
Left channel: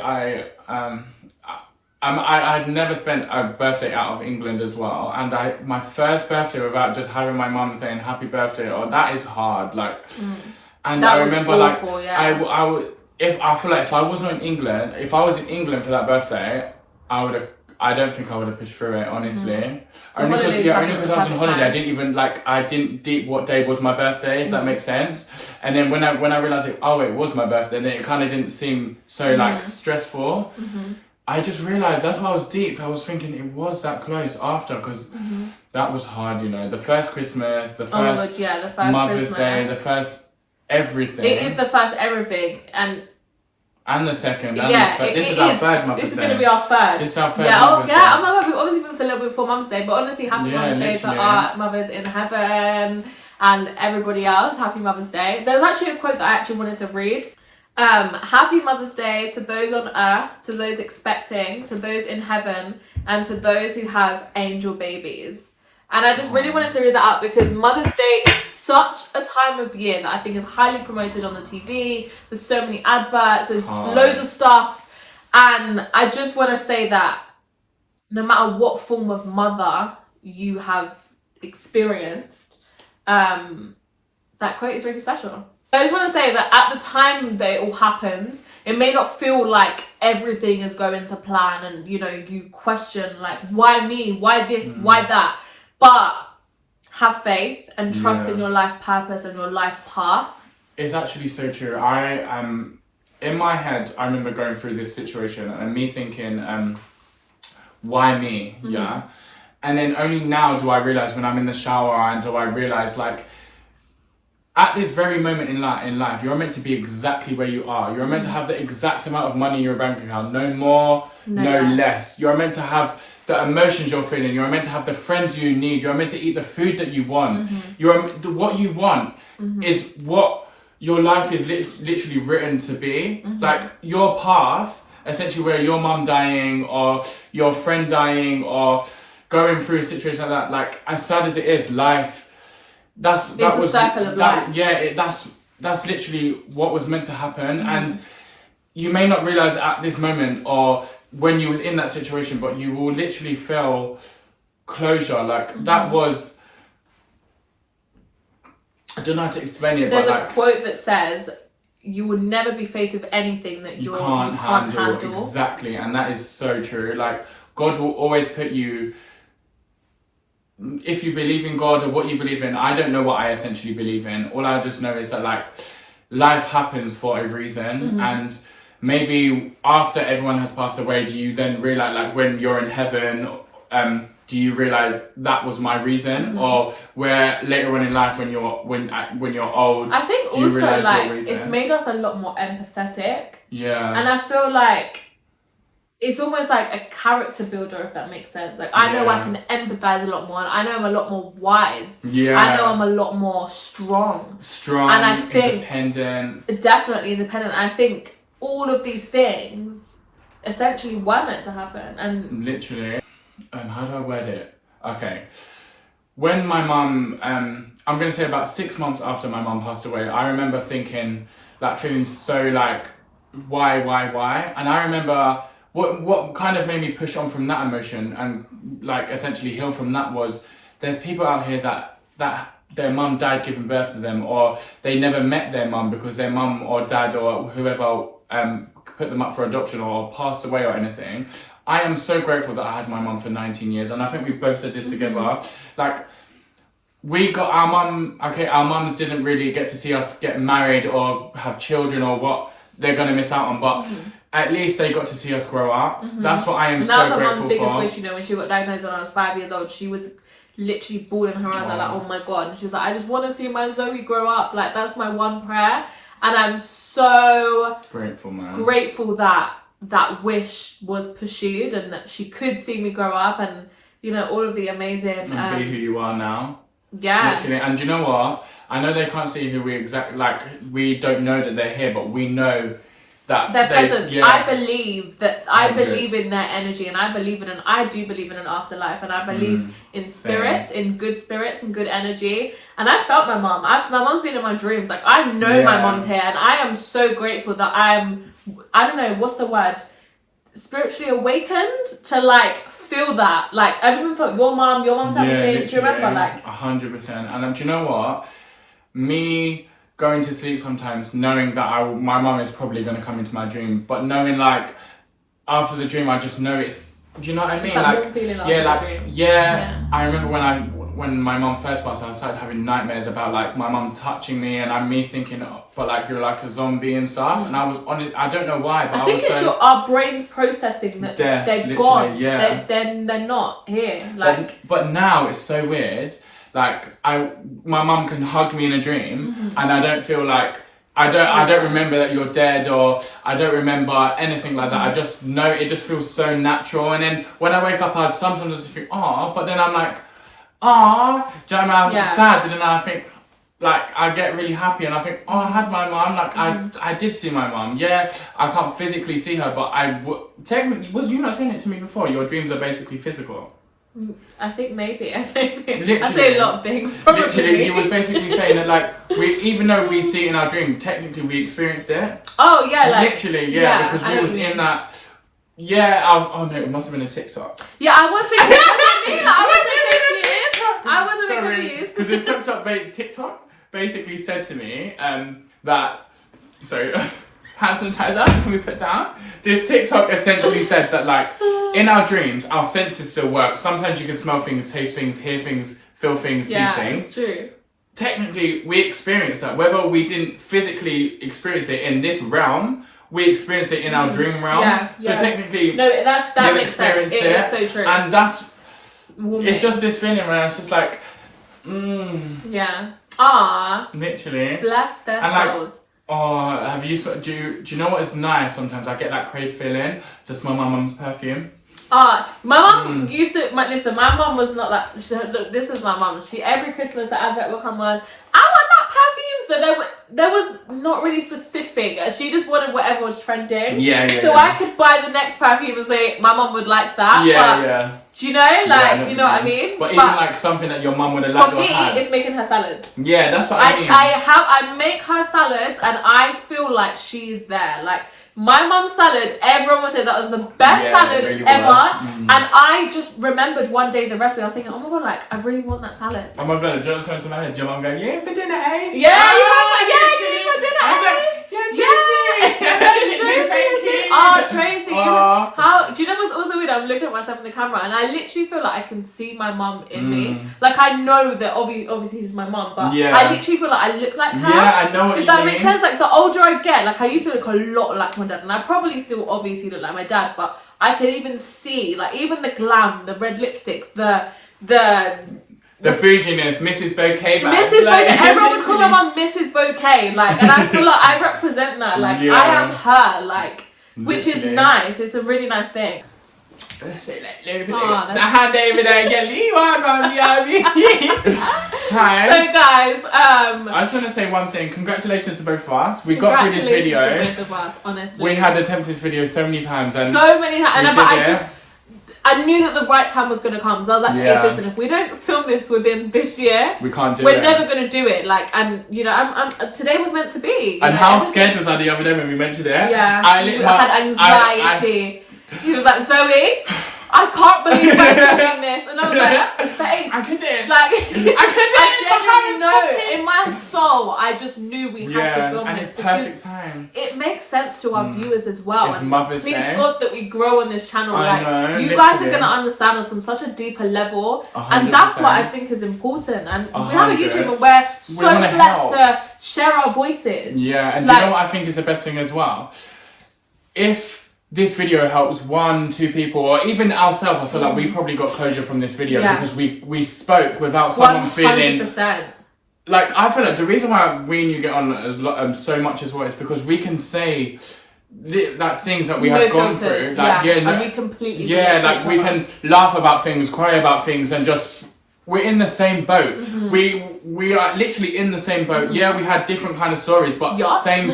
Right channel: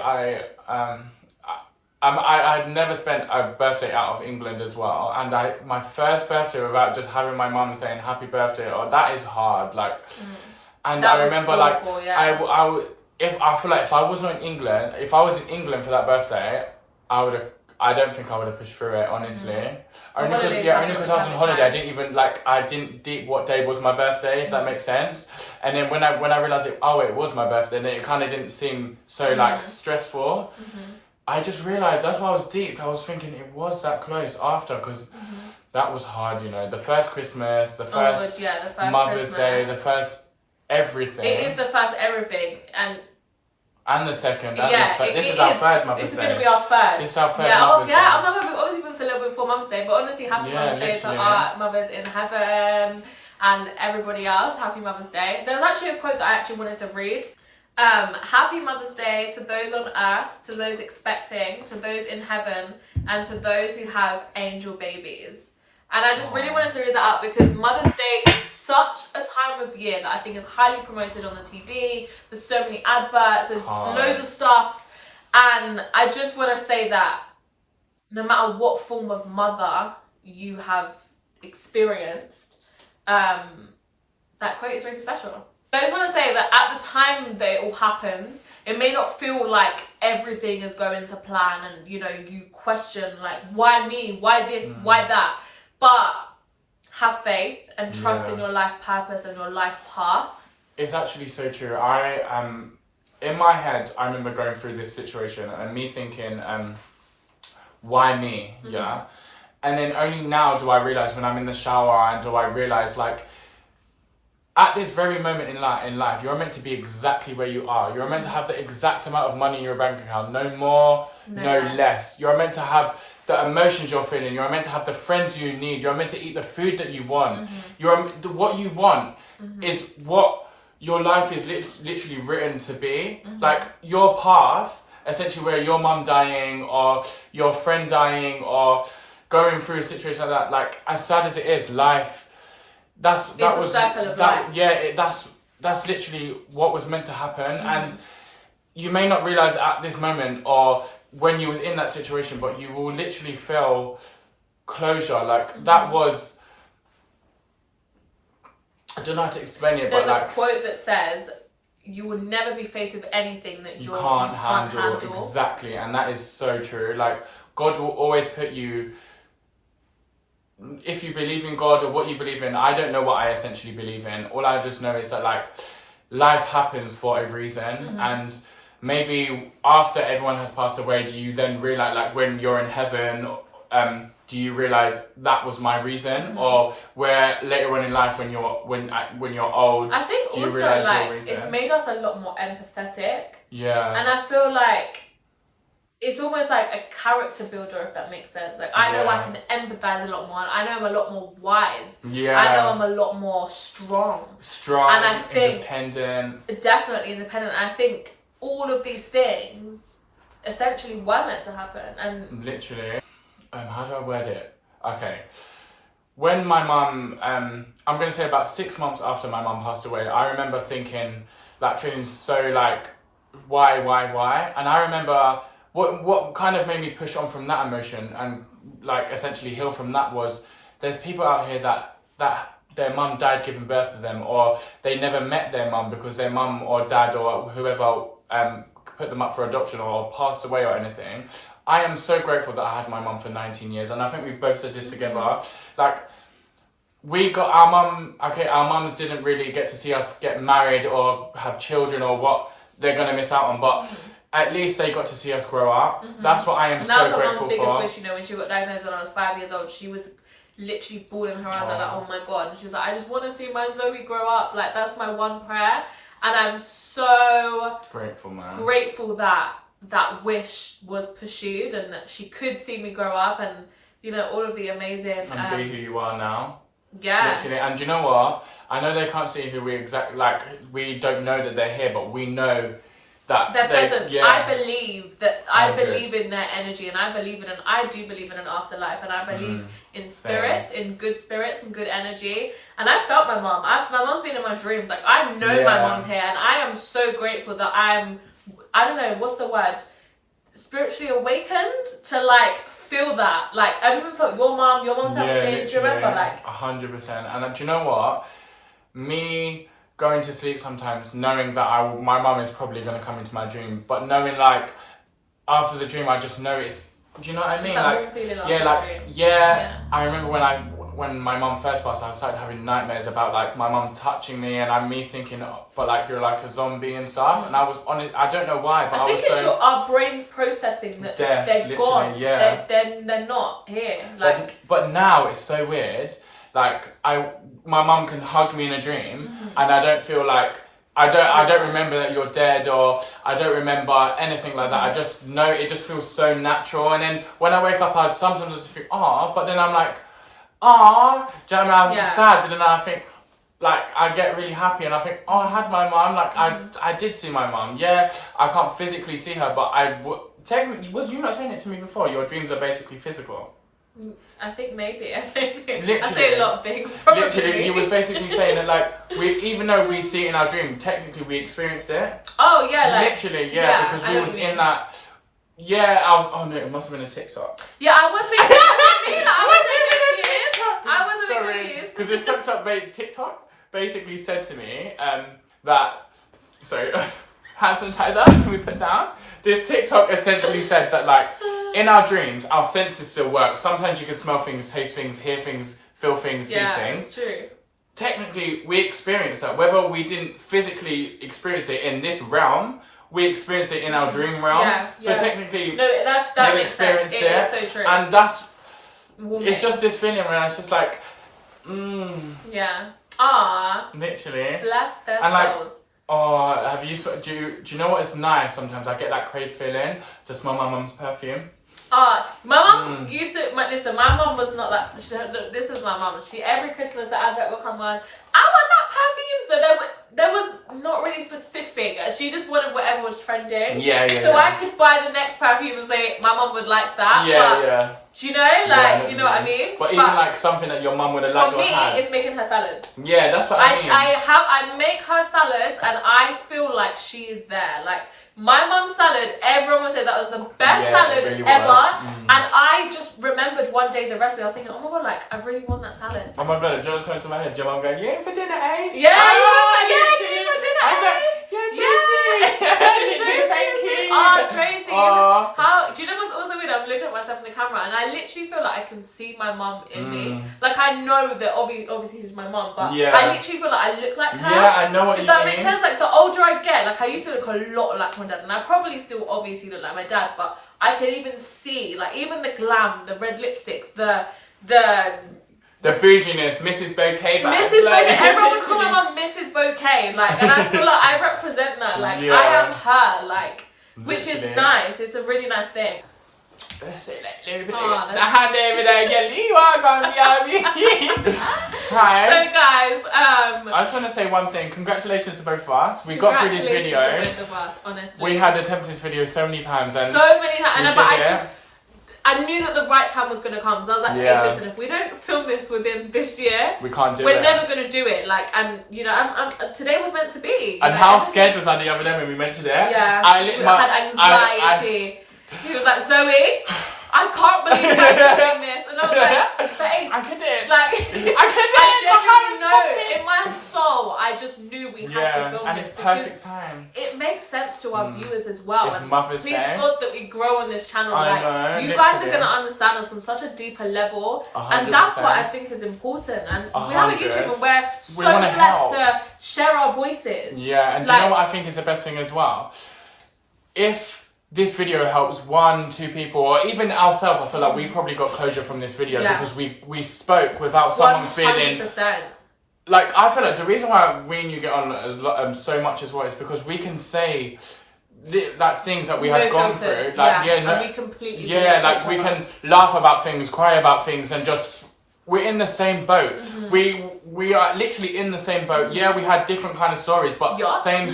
I'd never spent a birthday out of England as well, and my first birthday without just having my mum saying happy birthday, that is hard. Like, and That I was remember awful, like yeah. I would if I feel like if I wasn't in England, if I was in England for that birthday, I don't think I would have pushed through it, honestly. Only because I was on holiday, I didn't deep what day was my birthday, if that makes sense. And then when I realised it was my birthday, then it kind of didn't seem so like stressful. I just realised that's why I was deep. I was thinking it was that close after, because that was hard, you know. The first Christmas, the first, the first Mother's Christmas. Day, the first everything. It is the first everything, and the second. This is our third Mother's Day. This is going to be our third. This is our third Mother's Day. Oh my God, we've obviously been a little bit before Mum's Day, but honestly, happy Mother's Day to our mothers in heaven and everybody else. Happy Mother's Day. There's actually a quote that I actually wanted to read. Happy Mother's Day to those on earth, to those expecting, to those in heaven, and to those who have angel babies. And I just really wanted to read that out because Mother's Day is such a time of year that I think is highly promoted on the TV. There's so many adverts, there's loads of stuff. And I just want to say that no matter what form of mother you have experienced, that quote is really special. I just want to say that at the time that it all happens, it may not feel like everything is going to plan and, you know, you question like, why me? Why this? Why that? But have faith and trust in your life purpose and your life path. It's actually so true. In my head, I remember going through this situation and me thinking, why me? Yeah. And then only now do I realise when I'm in the shower and do I realise like, at this very moment in life, you're meant to be exactly where you are. You're meant to have the exact amount of money in your bank account. No more, no less. You're meant to have the emotions you're feeling. You're meant to have the friends you need. You're meant to eat the food that you want. What you want is what your life is literally written to be. Like your path, essentially where your mum dying or your friend dying or going through a situation like that, like as sad as it is, life... That's the circle of life. Yeah, that's literally what was meant to happen, and you may not realize at this moment or when you was in that situation, but you will literally feel closure. Like that was, I don't know how to explain it. There's a quote that says, "You will never be faced with anything that you can't handle." Exactly, and that is so true. Like God will always put you. If you believe in God or what you believe in, I don't know what I essentially believe in. All I just know is that like life happens for a reason, and maybe after everyone has passed away, do you then realize, like when you're in heaven, do you realize that was my reason, or where later on in life when you're old? I think also like it's made us a lot more empathetic. Yeah, and I feel like it's almost like a character builder, if that makes sense. Like, I know I can empathize a lot more. And I know I'm a lot more wise. Yeah. I know I'm a lot more strong. And I think... independent. Definitely independent. I think all of these things essentially were meant to happen. And literally. How do I word it? Okay. When my mum... I'm going to say about 6 months after my mum passed away, I remember thinking, like, feeling so, like, why? And I remember... What kind of made me push on from that emotion and like essentially heal from that was there's people out here that their mum died giving birth to them, or they never met their mum because their mum or dad or whoever put them up for adoption or passed away or anything. I am so grateful that I had my mum for 19 years, and I think we've both said this together. Like, we got our mum, our mums didn't really get to see us get married or have children or what they're going to miss out on, but at least they got to see us grow up. That's what I am so grateful for. And that was my mum's biggest wish, you know, when she got diagnosed when I was 5 years old. She was literally bawling her eyes out, like, oh my God. And she was like, I just want to see my Zoe grow up. Like, that's my one prayer. And I'm so grateful, man. Grateful that that wish was pursued and that she could see me grow up and, you know, all of the amazing... And be who you are now. Yeah. Literally. And you know what? I know they can't see who we exactly... Like, we don't know that they're here, but we know... that their presence. Yeah. I believe that I believe in their energy, and I do believe in an afterlife, and I believe in spirits, in good spirits and good energy. And I felt my mum. My mum's been in my dreams. Like, I know my mum's here, and I am so grateful that I don't know, what's the word? spiritually awakened to like feel that. Like I've even felt your mom's having things. Do you remember? Like 100%. And do you know what? Me going to sleep sometimes knowing that my mum is probably going to come into my dream, but knowing like after the dream I just know it's, do you know what I mean? It's that like warm feeling after yeah, the like dream. yeah. I remember when my mum first passed, I started having nightmares about like my mum touching me and me thinking, oh, but like you're like a zombie and stuff. And I was on it. I don't know why, but I think it's our brains processing that they're gone. Yeah, they're not here. Like, but now it's so weird. Like my mum can hug me in a dream, and I don't feel like I don't remember that you're dead, or I don't remember anything like that. I just know it just feels so natural. And then when I wake up, I sometimes just think, oh, but then I'm like, oh, do you know what I mean? I'm sad, but then I think, like, I get really happy and I think, oh, I had my mum. Like, I did see my mum. Yeah, I can't physically see her, but technically, was you not saying it to me before? Your dreams are basically physical. I think maybe. I Literally, say a lot of things, probably. Literally, he was basically saying that, like, even though we see it in our dream, technically we experienced it. Oh, yeah, like... Literally, yeah, because we was in that... Yeah, I was... Oh, no, it must have been a TikTok. Yeah, I was thinking... I was a bit confused. Because this TikTok basically said to me that... So, hand sanitizer, can we put down? This TikTok essentially said that, like, in our dreams, our senses still work. Sometimes you can smell things, taste things, hear things, feel things, see things. Yeah, it's true. Technically, we experience that. Whether we didn't physically experience it in this realm, we experience it in our dream realm. Yeah, so technically, no, that makes sense. It is so true. And that's... Warming. It's just this feeling where it's just like... Yeah. Ah. Literally. Bless their souls. Like, oh, do you know what is nice sometimes? I get that crave feeling to smell my mum's perfume. My mum used to, listen, my mum was not that, this is my mum. Every Christmas the advert will come on, I want that perfume. So there was not really specific. She just wanted whatever was trending. So I could buy the next perfume and say, my mum would like that. Yeah. Do you know? Like, you know what I mean? But even like something that your mum would have liked. For me, it's making her salads. Yeah, that's what I mean. I make her salads and I feel like she's there. Like, my mum's salad, everyone would say that was the best salad really ever. And I just remembered one day the recipe. I was thinking, oh my god, like, I really want that salad. Oh my god, John's coming to my head. Your mum going, yeah, for dinner, Ayce. Yeah, you were for dinner, Ayce. Tracy. How do you know what's also weird? I'm looking at myself in the camera and I literally feel like I can see my mum in me. Like, I know that obviously she's my mum, but I literally feel like I look like her. Yeah, I know what you mean. If that makes sense. Like, the older I get, like, I used to look a lot like my dad, and I probably still obviously look like my dad, but I can even see, like, even the glam, the red lipsticks, the bouginess, Mrs. Bouquet bag. Mrs. Bouquet. Everyone would call my mum Mrs. Bouquet. Like, and I feel like I represent that. Like, I am her. Like, which is nice. It's a really nice thing. The hand over there, you are gonna be Hi. So guys, I just want to say one thing. Congratulations to both of us. We got through this video. Congratulations to both of us, honestly. We had attempted this video so many times. And I knew that the right time was going to come. So I was like, to Ayce, listen, if we don't film this within this year, we can't do it. We're never going to do it. Like, and you know, today was meant to be. And how scared was I the other day when we mentioned it? Yeah, I had anxiety. He was like, Zoe, I can't believe we're doing this. And I was like, but Ayce, I couldn't. Like, I genuinely know. In my soul, I just knew we had to film and this. It's perfect time. It makes sense to our viewers as well. It's Mother's Day. Please God that we grow on this channel. I know, you guys are going to understand us on such a deeper level. 100%. And that's what I think is important. And we have a YouTube and we're so blessed to share our voices. Yeah, and do you know what I think is the best thing as well? If this video helps 1-2 people, or even ourselves, I feel like we probably got closure from this video because we spoke without someone feeling... 100%. Like, I feel like the reason why we and you get on so much as well is because we can say like things that we have gone through. Like, and we completely like we can laugh about things, cry about things, and just... We're in the same boat. We are literally in the same boat. Yeah, we had different kind of stories, but same...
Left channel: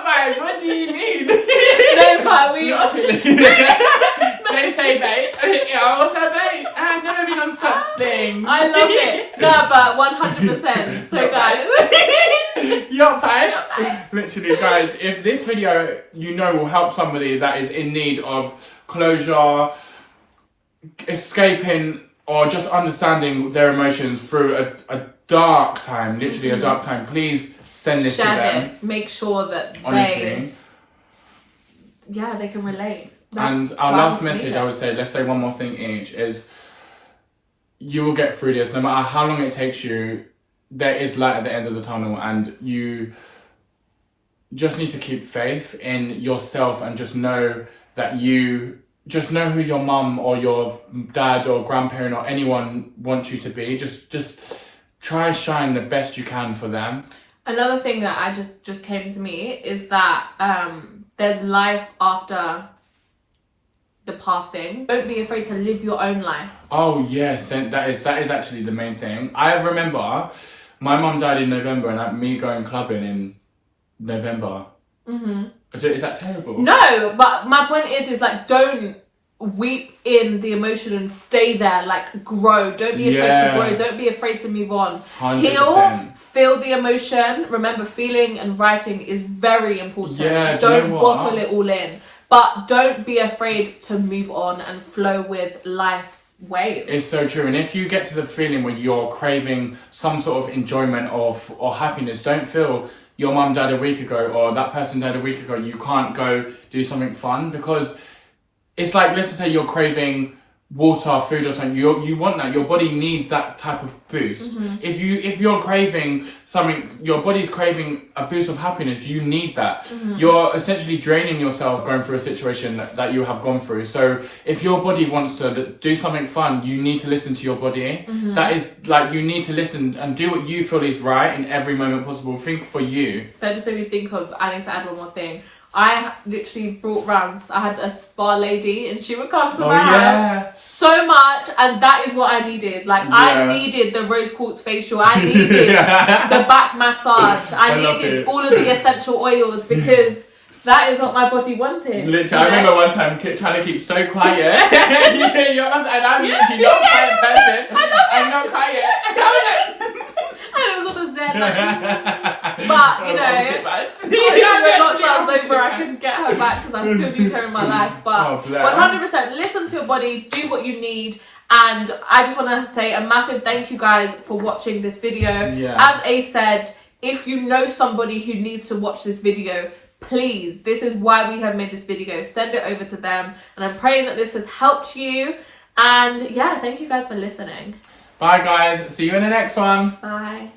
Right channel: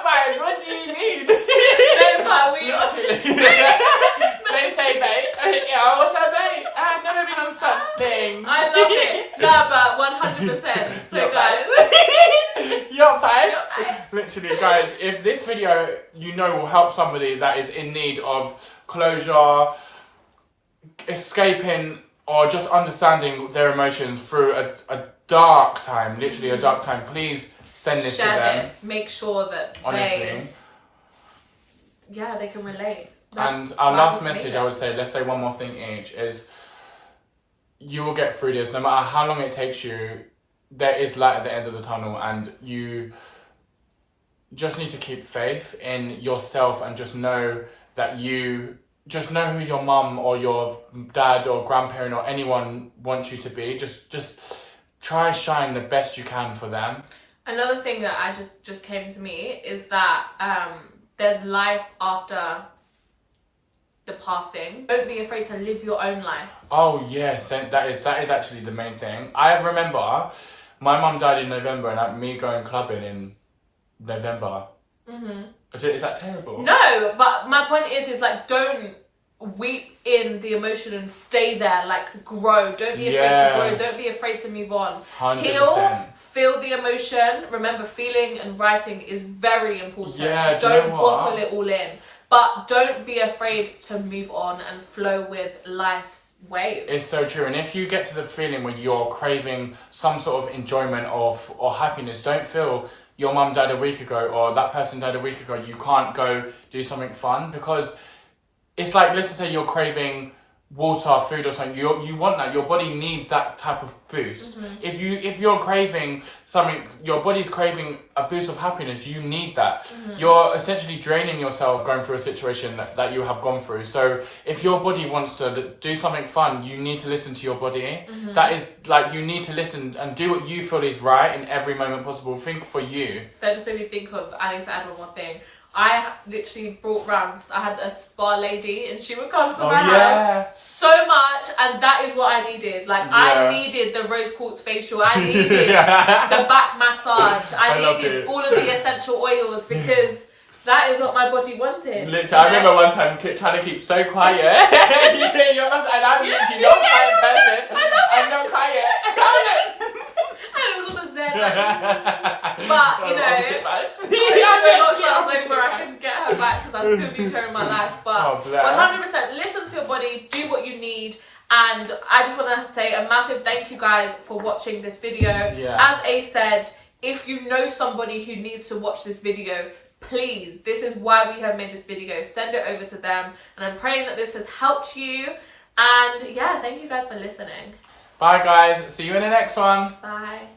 Vibes. What do you mean? No, but we are. They say bait. What's that bait? I've never been on such things. I love it. No, but 100%. So guys. Yacht vibes. Literally, guys, if this video, will help somebody that is in need of closure, escaping, or just understanding their emotions through a dark time, literally a dark time, please send this to them. Share this. Make sure that honestly, they can relate. And our last message, I would say, let's say one more thing each, is you will get through this. No matter how long it takes you, there is light at the end of the tunnel, and you just need to keep faith in yourself and just know that just know who your mum or your dad or grandparent or anyone wants you to be. Just try shine the best you can for them. Another thing that I just came to me is that there's life after the passing. Don't be afraid to live your own life. Oh yes, and that is actually the main thing. I remember my mum died in November, and me going clubbing in November. Is that terrible? No, but my point is like, don't weep in the emotion and stay there. Like, grow. Don't be afraid to grow. Don't be afraid to move on. 100%. Heal, feel the emotion. Remember, feeling and writing is very important. Yeah, don't bottle it all in. But don't be afraid to move on and flow with life's wave. It's so true. And if you get to the feeling where you're craving some sort of enjoyment or happiness, don't feel your mum died a week ago or that person died a week ago, you can't go do something fun, because it's like, let's say you're craving water, food or something, you want that. Your body needs that type of boost. If you're craving something, your body's craving a boost of happiness, you need that. You're essentially draining yourself going through a situation that you have gone through. So if your body wants to do something fun, you need to listen to your body. That is like, you need to listen and do what you feel is right in every moment possible. Think for you. That just made me think of, I need to add one more thing. I literally brought round, I had a spa lady and she would come to my house so much, and that is what I needed. Like, I needed the rose quartz facial, I needed the back massage, I needed all of the essential oils, because that is what my body wanted. Literally, I remember one time trying to keep so quiet. And I'm literally not a quiet person. I'm not quiet. And it was on a zen, but you know, where I couldn't get her back because I still need her in my life. But 100%, listen to your body, do what you need. And I just want to say a massive thank you guys for watching this video. As Ayce said, if you know somebody who needs to watch this video, please, this is why we have made this video. Send it over to them. And I'm praying that this has helped you. And yeah, thank you guys for listening. Bye guys, see you in the next one. Bye.